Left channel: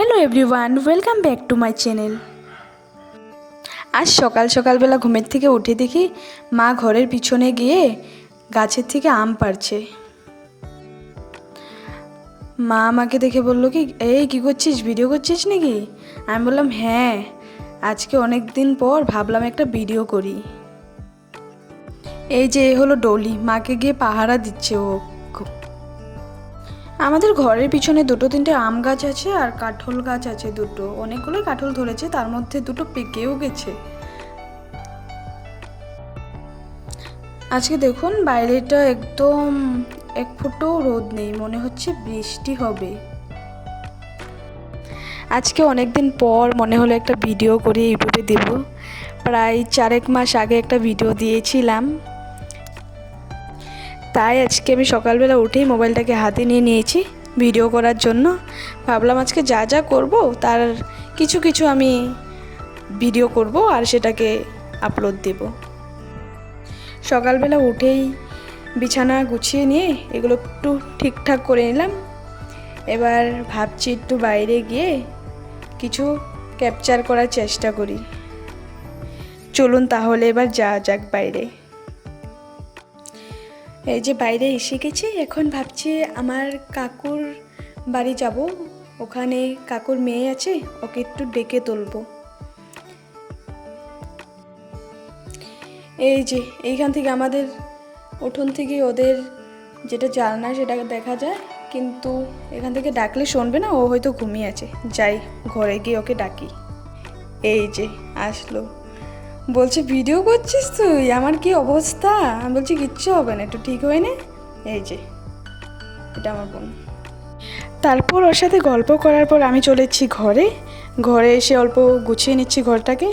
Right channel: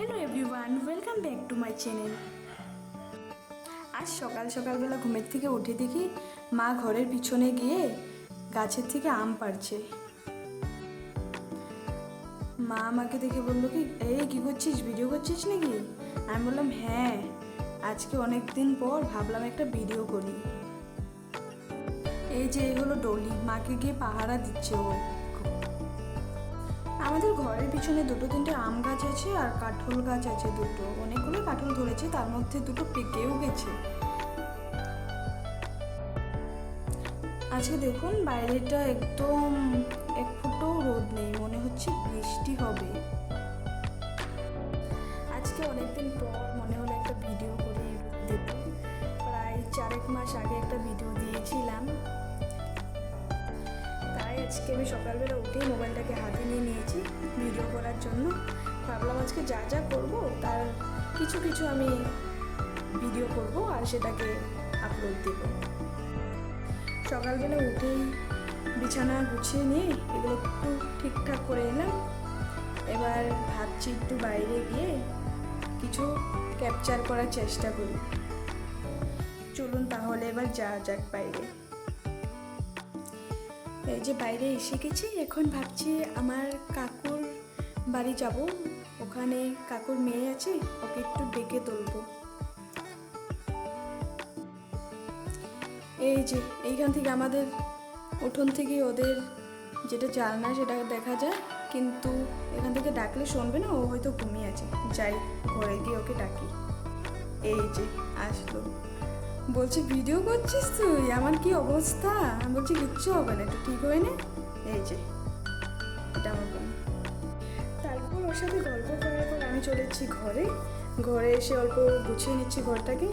Hello everyone, welcome back to my channel. আজ সকালবেলা ঘুমের থেকে উঠে দেখি মা ঘরের পিছনে গিয়ে গাছের থেকে আম পাড়ছে। মা আমাকে দেখে বলল কি, এই কী করছিস, ভিডিও করছিস নাকি? আমি বললাম হ্যাঁ, আজকে অনেক দিন পর ভাবলাম একটা ভিডিও করি। এই যে হলো ডলি, মাকে গিয়ে পাহারা দিচ্ছে ও। আমাদের ঘরের পিছনে দুটো তিনটে আম গাছ আছে আর কাঁঠাল গাছ আছে দুটো, অনেকগুলো কাঁঠাল ধরেছে, তার মধ্যে দুটো পেকেও গেছে। আজকে দেখুন বাইরেটা একদম এক ফুটও রোদ নেই, মনে হচ্ছে বৃষ্টি হবে। আজকে অনেক দিন পর মনে হলো একটা ভিডিও করে ইউটিউবে দেব। প্রায় 4 মাস আগে একটা ভিডিও দিয়েছিলাম, তাই আজকে আমি সকালবেলা উঠেই মোবাইলটাকে হাতে নিয়ে নিয়েছি ভিডিও করার জন্য। ভাবলাম আজকে যা যা করব তার কিছু কিছু আমি ভিডিও করব আর সেটাকে আপলোড দেব। সকালবেলা উঠেই বিছানা গুছিয়ে নিয়ে এগুলো একটু ঠিকঠাক করে নিলাম। এবার ভাবছি একটু বাইরে গিয়ে কিছু ক্যাপচার করার চেষ্টা করি। চলুন তাহলে এবার যাক বাইরে। এই যে বাইরে এসে গেছি, এখন ভাবছি আমার কাকুর বাড়ি যাব। ওখানে কাকুর মেয়ে আছে, ওকে একটু ডেকে তুলবো। এই যে এইখান থেকে আমাদের উঠোন থেকে ওদের যেটা জানলা সেটা দেখা যায়, কিন্তু এখান থেকে ডাকলে শুনবে না, ও হয়তো ঘুমিয়ে আছে। যাই ঘরে গিয়ে ওকে ডাকি। এই যে আসলো, বলছে ভিডিও করছিস তুই, আমার কি অবস্থা। আমি বলছি কিচ্ছু হবে না, একটু ঠিক হয়ে নে। এই যে এটা আমার বোন। তারপর ওর সাথে গল্প করার পর আমি চলে এসেছি ঘরে এসে অল্প গুছিয়ে নিচ্ছি ঘরটাকে।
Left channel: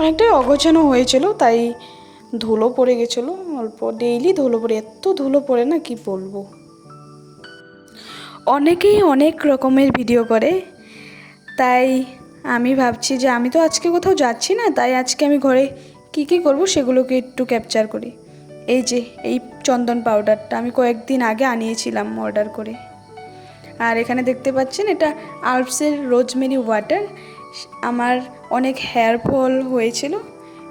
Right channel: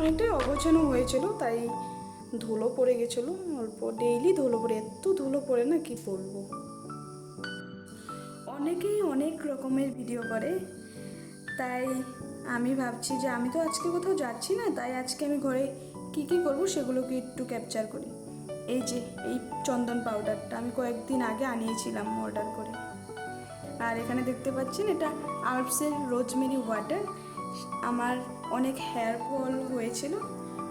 অনেকটাই অগোছানো হয়েছিল, তাই ধুলো পড়ে গেছিলো অল্প, ডেইলি ধুলো পড়ে, এত ধুলো পড়ে না কি বলবো। অনেকেই অনেক রকমের ভিডিও করে, তাই আমি ভাবছি যে আমি তো আজকে কোথাও যাচ্ছি না, তাই আজকে আমি ঘরে কি কি করব সেগুলোকে একটু ক্যাপচার করি। এই যে এই চন্দন পাউডারটা আমি কয়েকদিন আগে আনিয়েছিলাম অর্ডার করে। আর এখানে দেখতে পাচ্ছেন এটা আলপসের রোজমেরি ওয়াটার। আমার অনেক হেয়ার ফল হয়েছিল,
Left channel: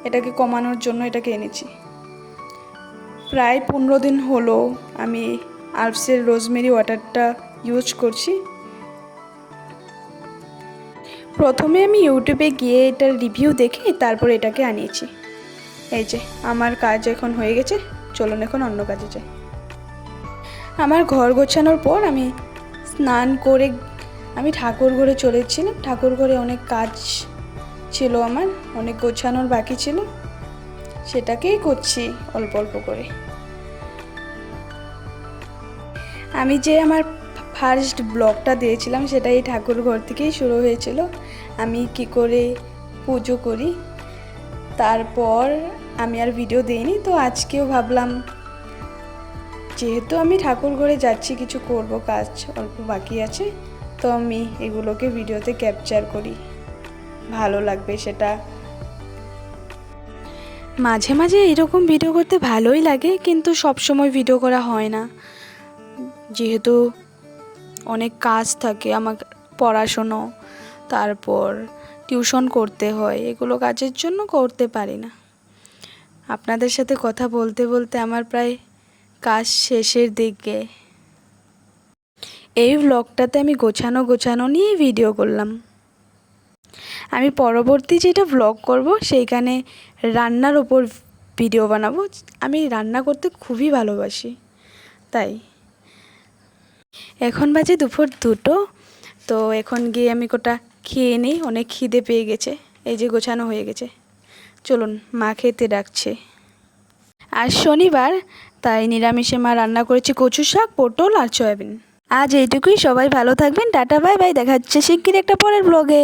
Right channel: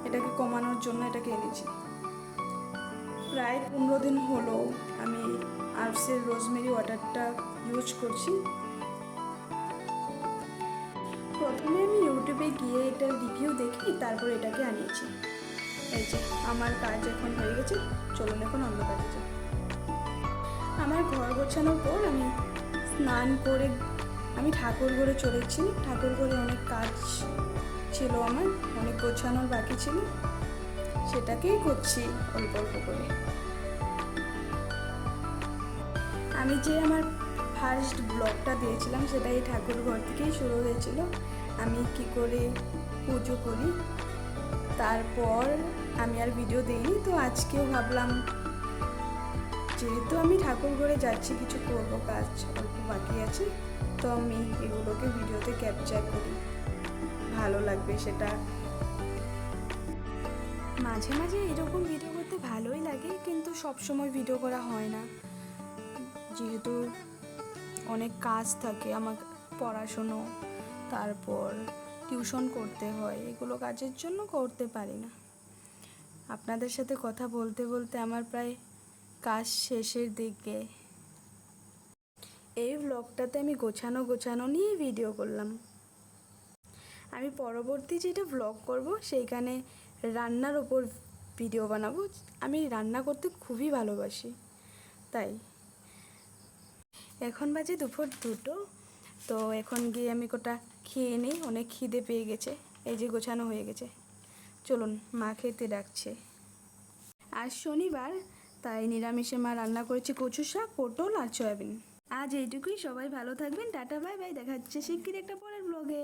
এটাকে কমানোর জন্য এটাকে এনেছি। প্রায় 15 দিন হলো আমি আলপসের রোজমেরি ওয়াটারটা ইউজ করছি। প্রথমে আমি ইউটিউবে গিয়ে এটার রিভিউ দেখে তারপর এটাকে আনিয়েছি। এই যে আমার কাজ এখন হয়ে গেছে, চলুন এখন অন্য কাজে যাই। আমার ঘর গোছানোর পর আমি স্নান করে আমি ঠাকুর ঘরে চলেছিলাম। ঠাকুর ঘরে অনেক কাজ ছিল, আমার অনেক গোছানোর বাকি ছিল, সেটাকেই করছি অল্প অল্প করে। আমি যে আমার ফার্স্ট ব্লগটা দিয়েছিলাম সেটা এই ঠাকুর ঘর থেকেই শুরু হয়েছিল, আমি কি করে পুজো করি। তারপর আমি আর ভিডিও দিইনি, তো আজকেও ভাবলাম যেহেতু আমি ঠাকুর ঘরে যাচ্ছি, কিছু করব, কাজ অল্প বাকি আছে, তো আমি এগুলোকে ভিডিওতে ক্যাপচার করি, ভালো লাগবে সেটা। মাঝে মাঝে এরকম ভিডিও করতে ভালোই লাগে, কিন্তু সব সময় ভিডিও করা হয় না, যেহেতু অনেক কাজ থাকে, আমার পড়াশুনো, তারপর টিউশন করতে হয়, এগুলো কাজের জন্য করতে পারি না। আপনাদের সাথে কথা বলতে বলতে আমার প্রায় কাজ শেষের দিকে। এই ব্লগটাতে আমি গোছানো নিয়ে ভিডিও করলাম। আমি পরবর্তী যেটা ব্লগ করব সেইখানে রান্নার ওপর ভিডিও বানাবো। আমি রান্না করতে খুবই ভালোবাসি, তাই। এখন বাজে দুপুর 2টো, তো এখন গিয়ে আমি কোটা খেয়ে নিই, অনেক খিদে পেয়ে গেছে। এই যে গোছানো হয়ে গেছে, চলুন মা খেতে ডাকছে। আজ শনিবার, তাই নিরামিষে মা রান্না করেছে কচু শাক, পটল আর সয়াবিন। আজ এইটুকুই, সবাই ভালো থাকবেন, টাটা বাই বাই, দেখা হচ্ছে শিগগির একটা পরের ব্লগে।